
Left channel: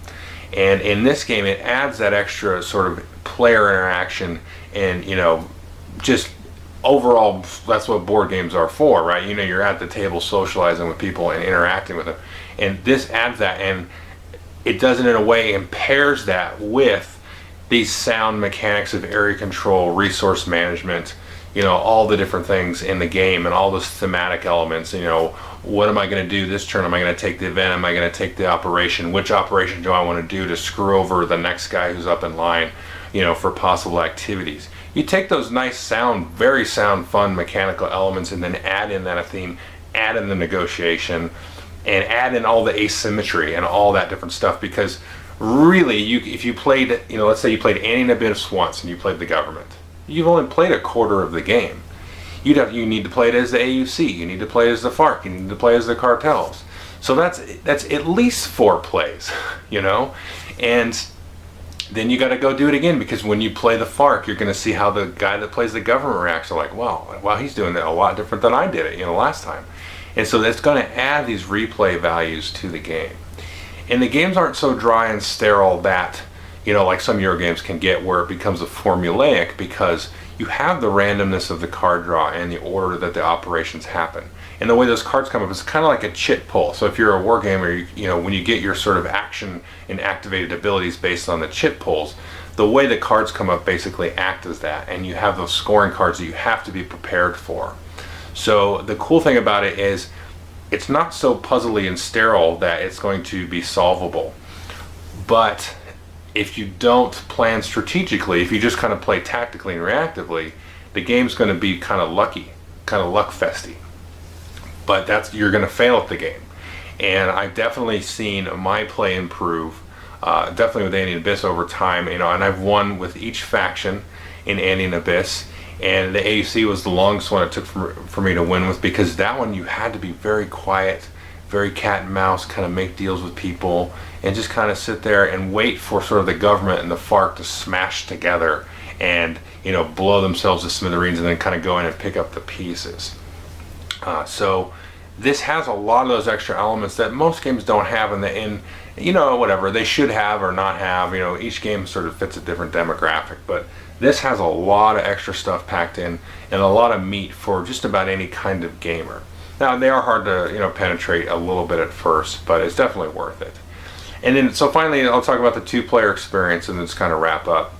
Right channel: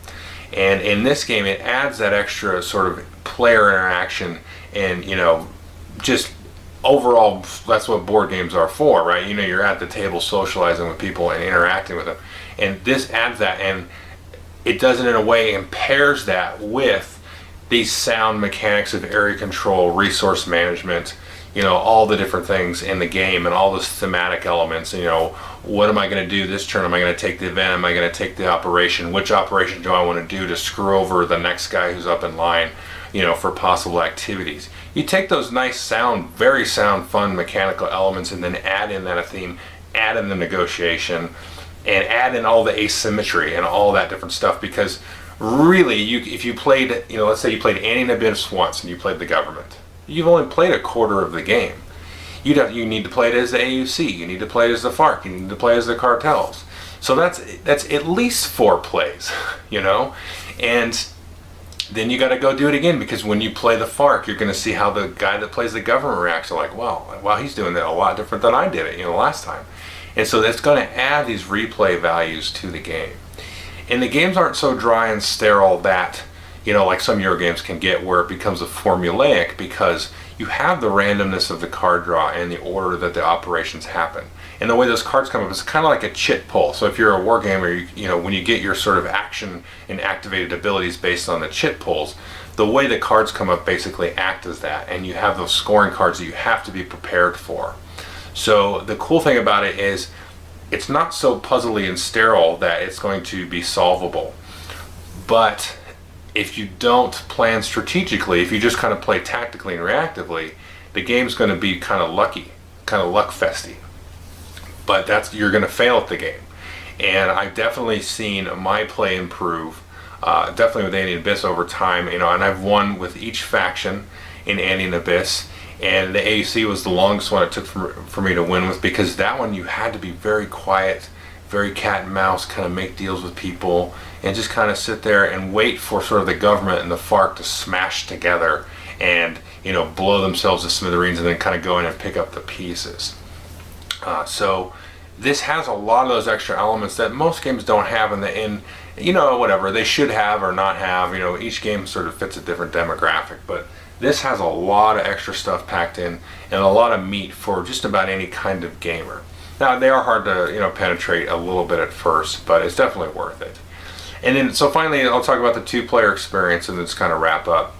And in this game, it adds that extra sort of player interaction and, just overall, that's what board games are for, right? You're at the table socializing with people and interacting with them. And this adds that, and it does it in a way and pairs that with these sound mechanics of area control, resource management, all the different things in the game and all those thematic elements. What am I going to do this turn? Am I going to take the event? Am I going to take the operation? Which operation do I want to do to screw over the next guy who's up in line, for possible activities? You take those nice sound, very sound, fun mechanical elements and then add in that theme, add in the negotiation, and add in all the asymmetry and all that different stuff, because really, if you played, let's say you played Andean Abyss once and you played the government, you've only played a quarter of the game. You need to play it as the AUC, you need to play it as the FARC, you need to play as the cartels. So that's at least 4 plays, and then you got to go do it again, because when you play the FARC, you're going to see how the guy that plays the government reacts. Like, wow, he's doing that a lot different than I did it, last time. And so that's going to add these replay values to the game. And the games aren't so dry and sterile that, like some Euro games can get, where it becomes a formulaic, because you have the randomness of the card draw and the order that the operations happen. And the way those cards come up is kind of like a chit pull. So if you're a war gamer, when you get your sort of action and activated abilities based on the chit pulls, the way the cards come up basically act as that. And you have those scoring cards that you have to be prepared for. So the cool thing about it is it's not so puzzly and sterile that it's going to be solvable. But if you don't plan strategically, if you just kind of play tactically and reactively, the game's going to be kind of lucky, kind of luck-festy. But you're going to fail at the game. And I've definitely seen my play improve, definitely with Andean Abyss over time, and I've won with each faction in Andean Abyss. And the AUC was the longest one it took for me to win with, because that one you had to be very quiet, very cat and mouse, kind of make deals with people and just kind of sit there and wait for sort of the government and the FARC to smash together and blow themselves to smithereens, and then kind of go in and pick up the pieces. So this has a lot of those extra elements that most games don't have, and whatever they should have or not have. Each game sort of fits a different demographic, but this has a lot of extra stuff packed in and a lot of meat for just about any kind of gamer. Now, they are hard to penetrate a little bit at first, but it's definitely worth it. And then, so finally, I'll talk about the 2-player experience and then just kind of wrap up.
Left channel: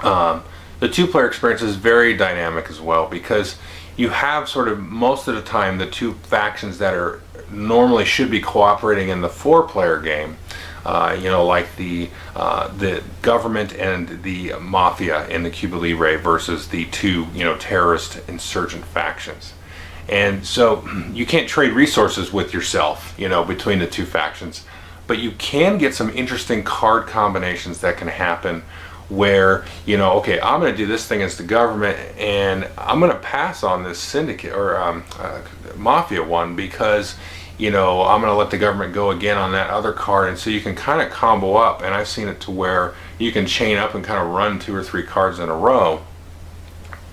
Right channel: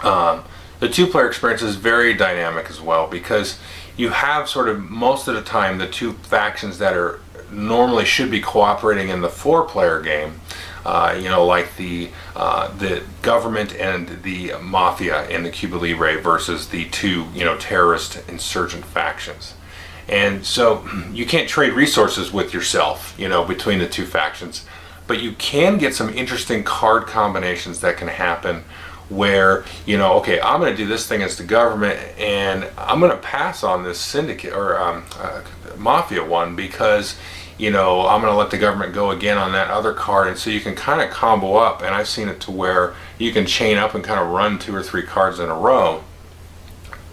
The 2-player experience is very dynamic as well, because you have sort of most of the time the 2 factions that are normally should be cooperating in the 4-player game, like the government and the mafia in the Cuba Libre versus the 2 terrorist insurgent factions. And so you can't trade resources with yourself, between the 2 factions, but you can get some interesting card combinations that can happen where, okay, I'm going to do this thing as the government, and I'm going to pass on this syndicate or mafia one, because I'm going to let the government go again on that other card. And so you can kind of combo up, and I've seen it to where you can chain up and kind of run 2 or 3 cards in a row,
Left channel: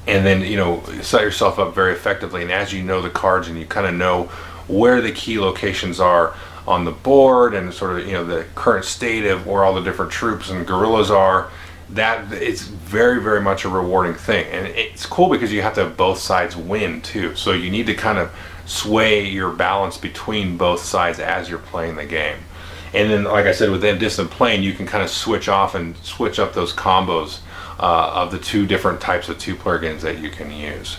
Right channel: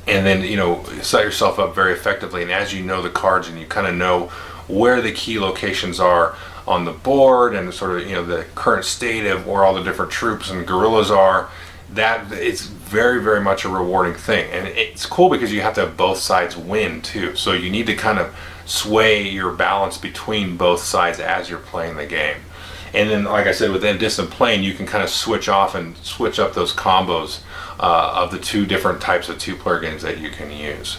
and then set yourself up very effectively. And as you know the cards and you kind of know where the key locations are on the board, and sort of the current state of where all the different troops and guerrillas are, that it's very, very much a rewarding thing. And it's cool because you have to have both sides win too, so you need to kind of sway your balance between both sides as you're playing the game. And then, like I said, within distant plane, you can kind of switch off and switch up those combos of the two different types of two-player games that you can use.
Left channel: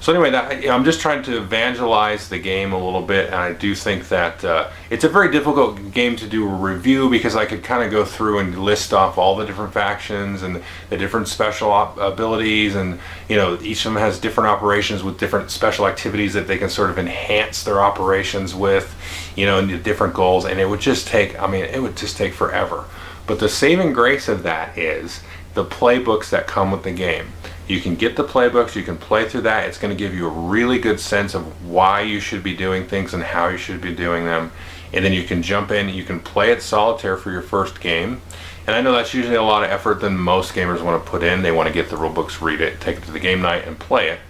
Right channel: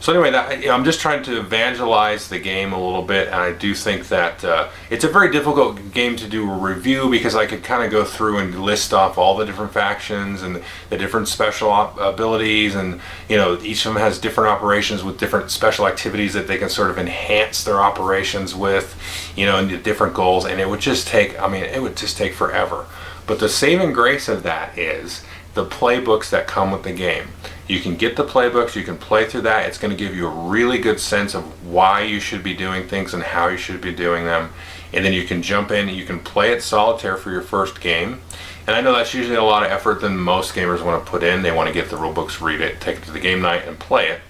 So anyway, I'm just trying to evangelize the game a little bit, and I do think that it's a very difficult game to do a review, because I could kind of go through and list off all the different factions and the different special abilities, and each of them has different operations with different special activities that they can sort of enhance their operations with, and the different goals, and it would just take, it would just take forever. But the saving grace of that is the playbooks that come with the game. You can get the playbooks, you can play through that. It's going to give you a really good sense of why you should be doing things and how you should be doing them. And then you can jump in, you can play it solitaire for your first game. And I know that's usually a lot of effort than most gamers want to put in. They want to get the rule books, read it, take it to the game night and play it.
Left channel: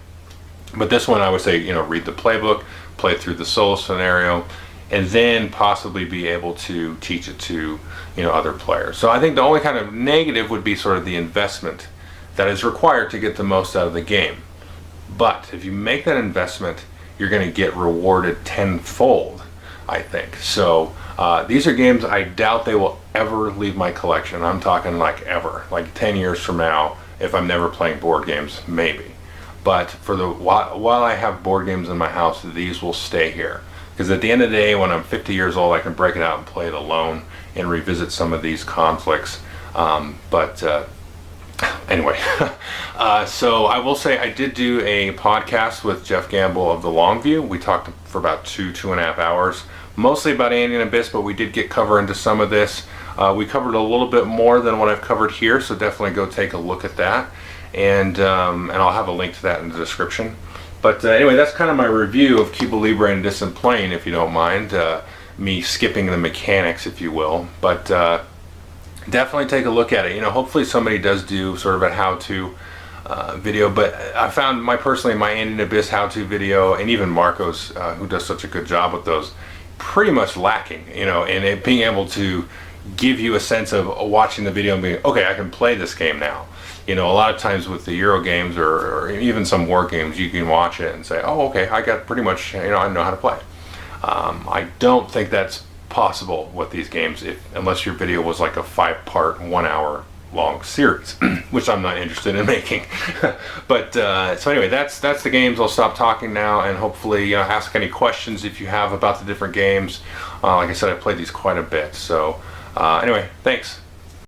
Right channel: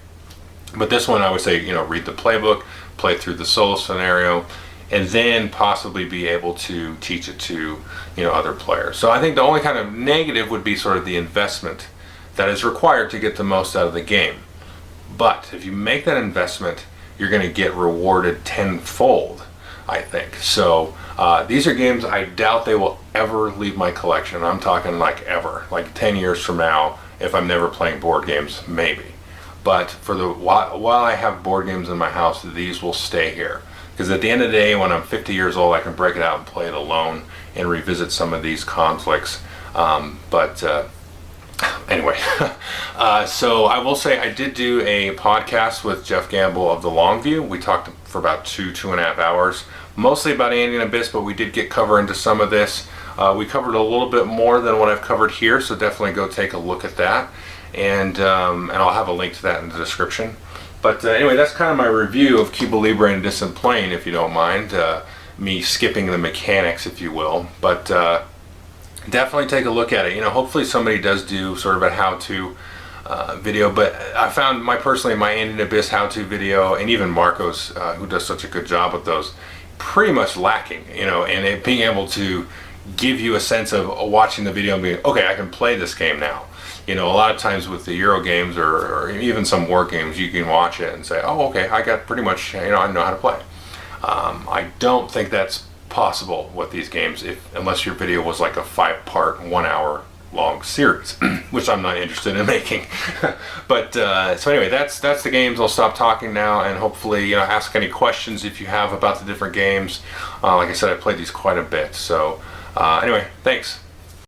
But this one I would say, read the playbook, play through the solo scenario, and then possibly be able to teach it to other players. So I think the only kind of negative would be sort of the investment that is required to get the most out of the game. But if you make that investment, you're going to get rewarded tenfold, I think. So these are games I doubt they will ever leave my collection. I'm talking like ever, like 10 years from now, if I'm never playing board games, maybe. But for while I have board games in my house, these will stay here. Because at the end of the day, when I'm 50 years old, I can break it out and play it alone and revisit some of these conflicts. Anyway, so I will say I did do a podcast with Jeff Gamble of The Long View. We talked for about 2.5 hours, mostly about Andean Abyss, but we did get cover into some of this. We covered a little bit more than what I've covered here, so definitely go take a look at that. And I'll have a link to that in the description. But anyway, that's kind of my review of Cuba Libre and Distant Plane, if you don't mind. Me skipping the mechanics, if you will. But definitely take a look at it. Hopefully somebody does do sort of a how-to video. But I found my Andean Abyss how-to video, and even Marco's, who does such a good job with those, pretty much lacking. And it being able to give you a sense of watching the video and being, okay, I can play this game now. A lot of times with the Euro games or even some war games, you can watch it and say, oh, okay, I got pretty much, I know how to play. I don't think that's possible with these games, unless your video was like a 5-part, 1-hour long series, which I'm not interested in making. But so anyway, that's the games. I'll stop talking now, and hopefully ask any questions if you have about the different games. Like I said, I played these quite a bit. So anyway, thanks.